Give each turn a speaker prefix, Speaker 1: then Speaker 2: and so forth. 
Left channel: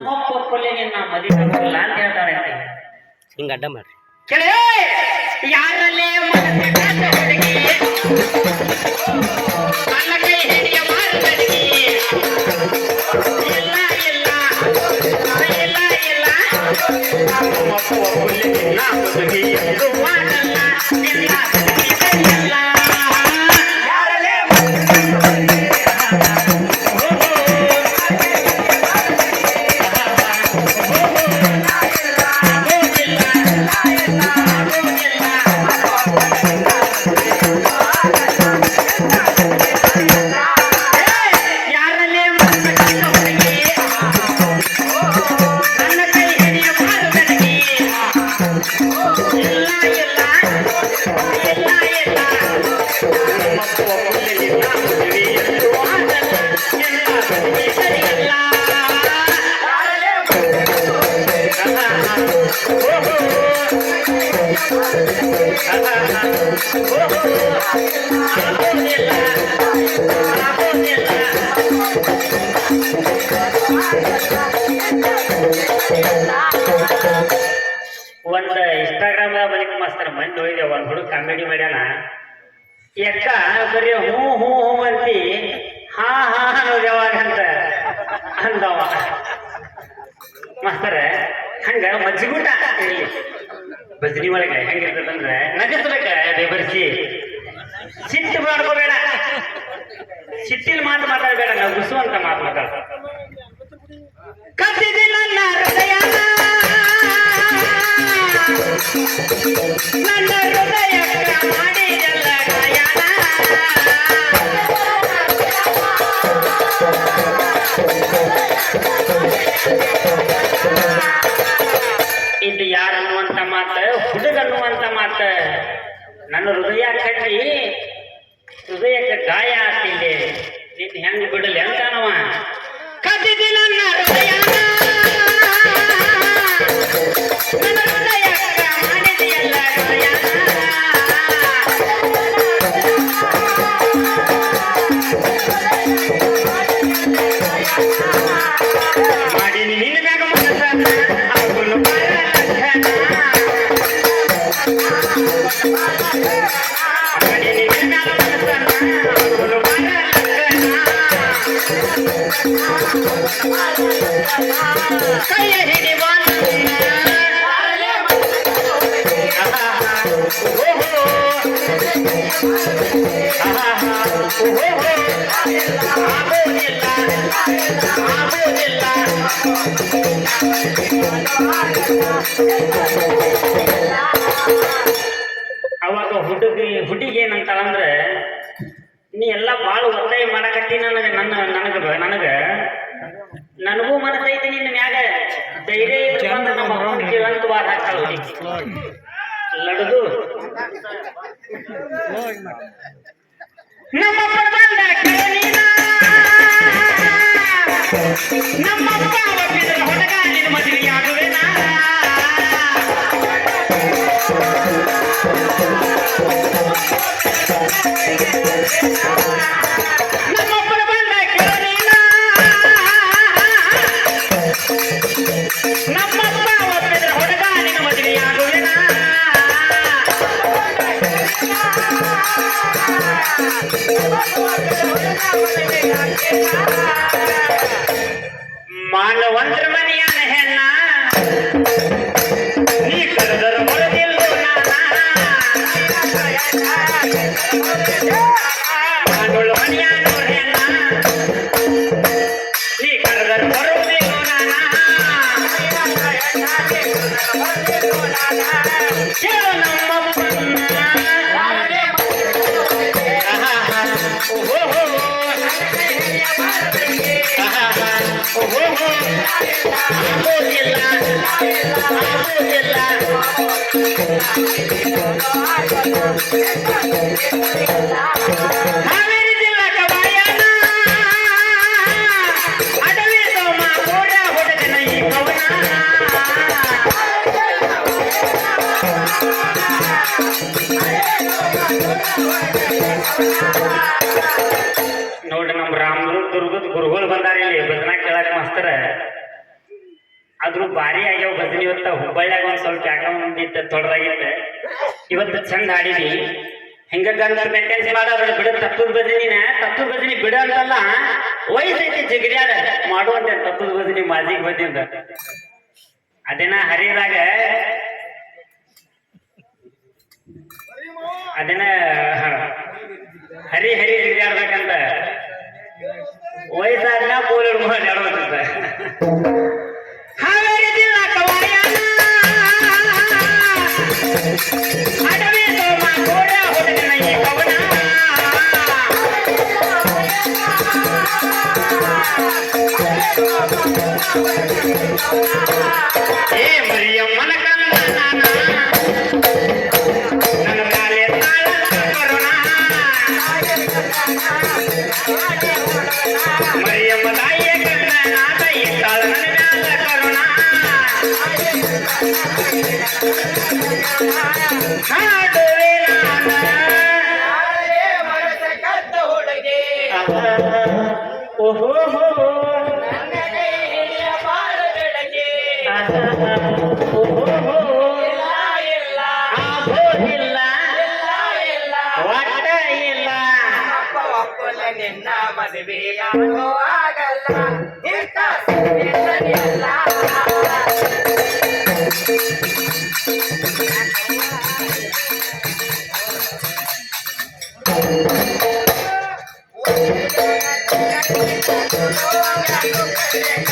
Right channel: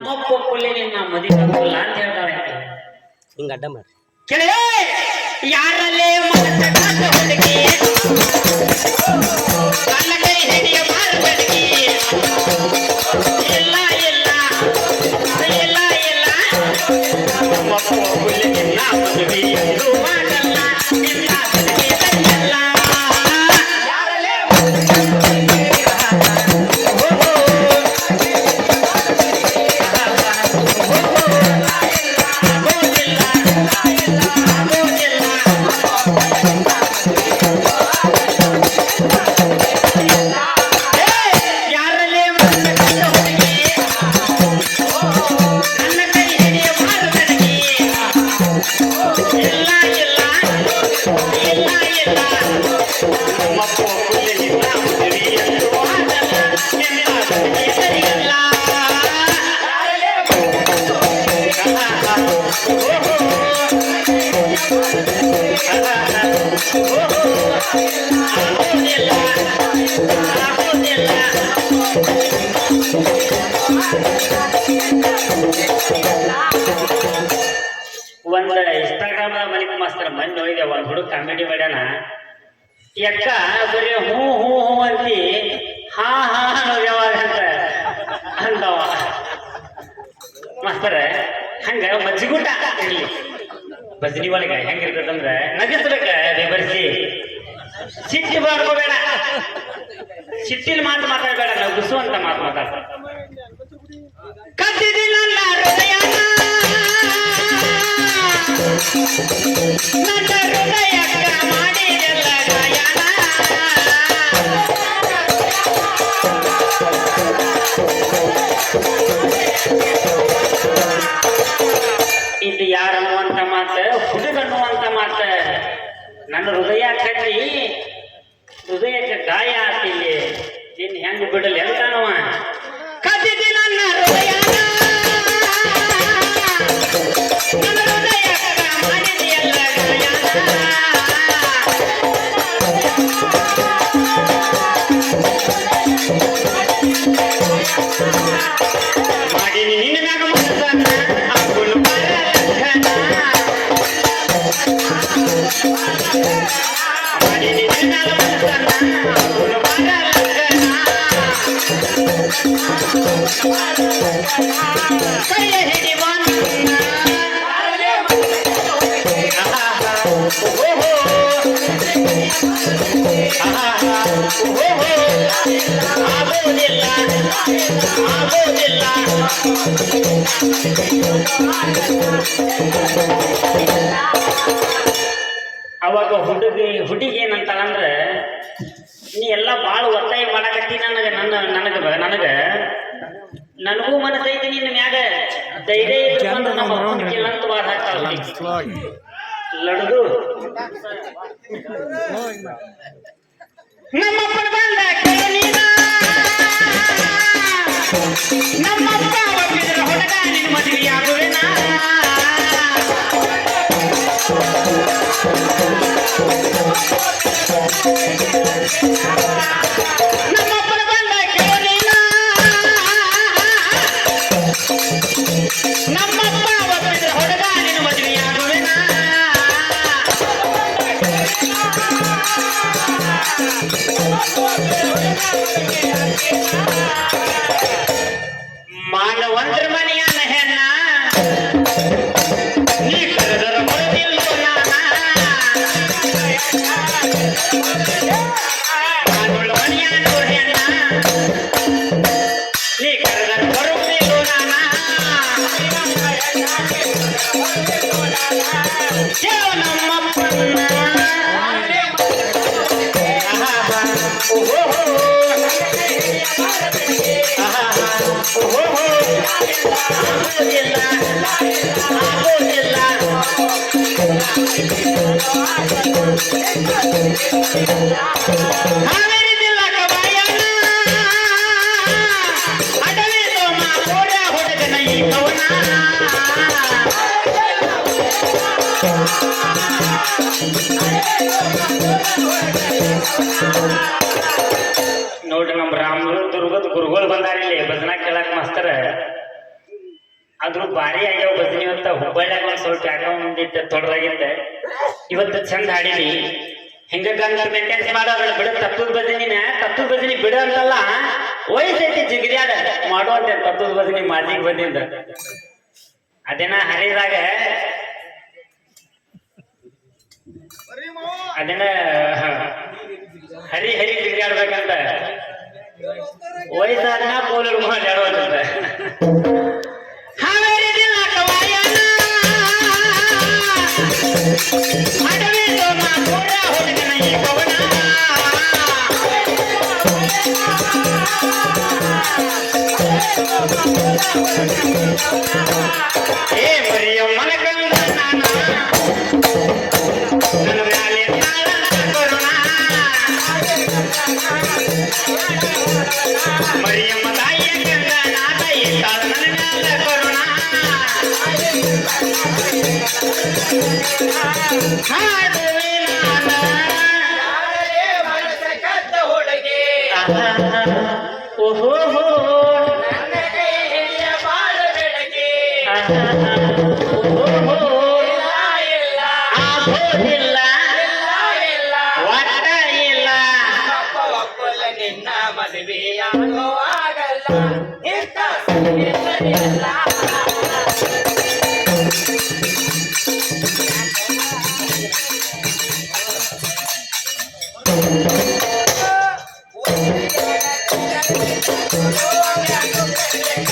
Speaker 1: ಒಬ್ಬ ಕೊಲ್ಲಿಗೆ ನಾ ಮದುವೆ ಆಗೋಲ್ಲ ಅಂತ ಹೇಳ್ತಾಳೆ ಆಕೆ.
Speaker 2: ಹಿಂಗ ಅಡ್ಡ ಮಾಡ್ರಿ
Speaker 1: ಕೇಳಿ ಯಾರಲ್ಲೇ ಒಂದ್ ಇನ್ಸ್ಟಾಗ್ರಾಮ್ ಮಲಿಕ್ ಮಾಸ್ತರ್ ಮೊನ್ನೆ ಹೋಗಿದೆ ಒಂದ್ ಹುಡುಗ ಕಾಮಿಡಿ ಮಾಡ್ಯಾನ. ಯಕ್ಕ ಬರೀ ಹೂ ಹೂ ಹೂ ಅಂತಿ, ಹಾ ಹಾ ಯಾವಾಗ ಅಂತ ಅಂದವ. ಮಾಸ್ತರ, ಹಂಗ ಮಜ್ಜಿಗೂಟ ಇಲ್ಲಿ. ಬಜ್ನಿ ಒಳಗೆ ಹೆಂಗಿರ್ತದಂದ್ರ ಸಿಟ್ಟಿನ ಮಾತು ಮಾತಾಡಬೇಡ, ನಾವು ಗುಸುವಂತ ಮಾತು ಮಾತಾಡ ಕದ್ದಿದಿ ನನ್ನ ಹೃದಯ. ಇದು ಯಾರು ಅನ್ನುವಂತ ಮಾತ? ಹುಡುಗ ಅನ್ನುವಂತ ಮಾತ. ನನ್ನ ಹೃದಯ ಕಟ್ಟಿ ಅವಾಗ ಹುಡುಗಿ ಹುಡುಗಿ ಏನಂತಾನಂದ್ರ ನೀ ಎಲ್ಲ ಭಾಳ ಒತ್ತಾಯ ಮಾಡಕತ್ತಿ ನನಗ ನನ್ನ ನನಗ ನನಗ ನನಗೂ ಮನಸ್ಸೈತಿ ನಿನ್ನ ಮ್ಯಾಗ ಧೈರ್ಯ ಇಟ್ಕೊಂಡು ನಮ್ಮ ಅಪ್ಪನ ಕೇಳಂತ ವಾದ ಹಾಕ್ತಾಳ ಲಡದು ನಮ್ಮ ಒಪ್ಪಿದ ಹುಡುಗ ನಿನ್ನ ಮದುವೆಯಾಗುವೆನಾ ಮಾನವಂತರ ಮನೆಯನ ಹೆಣ್ಣ ನೀ ಕರೆದರ ಬರದಿಲ್ಲೋ ಮಾನುಳ ಮನೆಯನು ಹೆಣ್ಣ ನೀ ಕರೆದರ ಬರುವುದಿಲ್ಲೋ ಕೇಳು ನೋಡ್ರಿ ನಮ್ಮ ರಾಮದು ದುರ್ಗದ ಗುರುಗಳು ಬಂದಾರ ಇಲ್ಲಿ ಭಜನಾ ಕೇಳಕ್ ಆದ್ರೂ ಭಾರಿ ಆಗ್ಯಾವ ಭಜನಿ ಇವತ್ತ ಹುಬ್ಬಳ್ಳಿಯಾಗ ಒಂದ್ ಸ್ವಲ್ಪ ಯಾಕ ಒಂದಿತ್ತ ತೊಡರಾಗಿತ್ತೆ ಇವತ್ತು ಚಂದ ಹಾಡಿದಿ ಹಿಂಗ ಗಂಟ ಮಾಡ ಮಾಡೋದ್ರ ಬಿಡ. ತಪ್ಪು ಭಜನಿನ ತಪ್ಪು ಭಜನಿ ಬಿಡ ಅಂತಲ್ಲ ವಯಸ್ಸೈತಿ ಜಿಗಿರ್ಯಾದ ಮಾಡುವಂತ ತತ್ವದ ಭಜನಿ ಮಾಜಿಗ್ ಬಂದಿಂದ. ಅದೇನ ಹರಿದಾಗ ಅದೇನ ಹರಿ ಹರಿ ಜಿಗಿರ್ಯಾಡ್ಬೇಕಂತ ವಯಸ್ಸಾದ್ಮೇಲೆ ನಿನ್ನ
Speaker 2: ಮದುವೆಯಾಗೋ ಆಗಲ್ಲ ಇಂಥ ಸುದ್ದಿ ಸರಿಯಲ್ಲ Ahora comprende.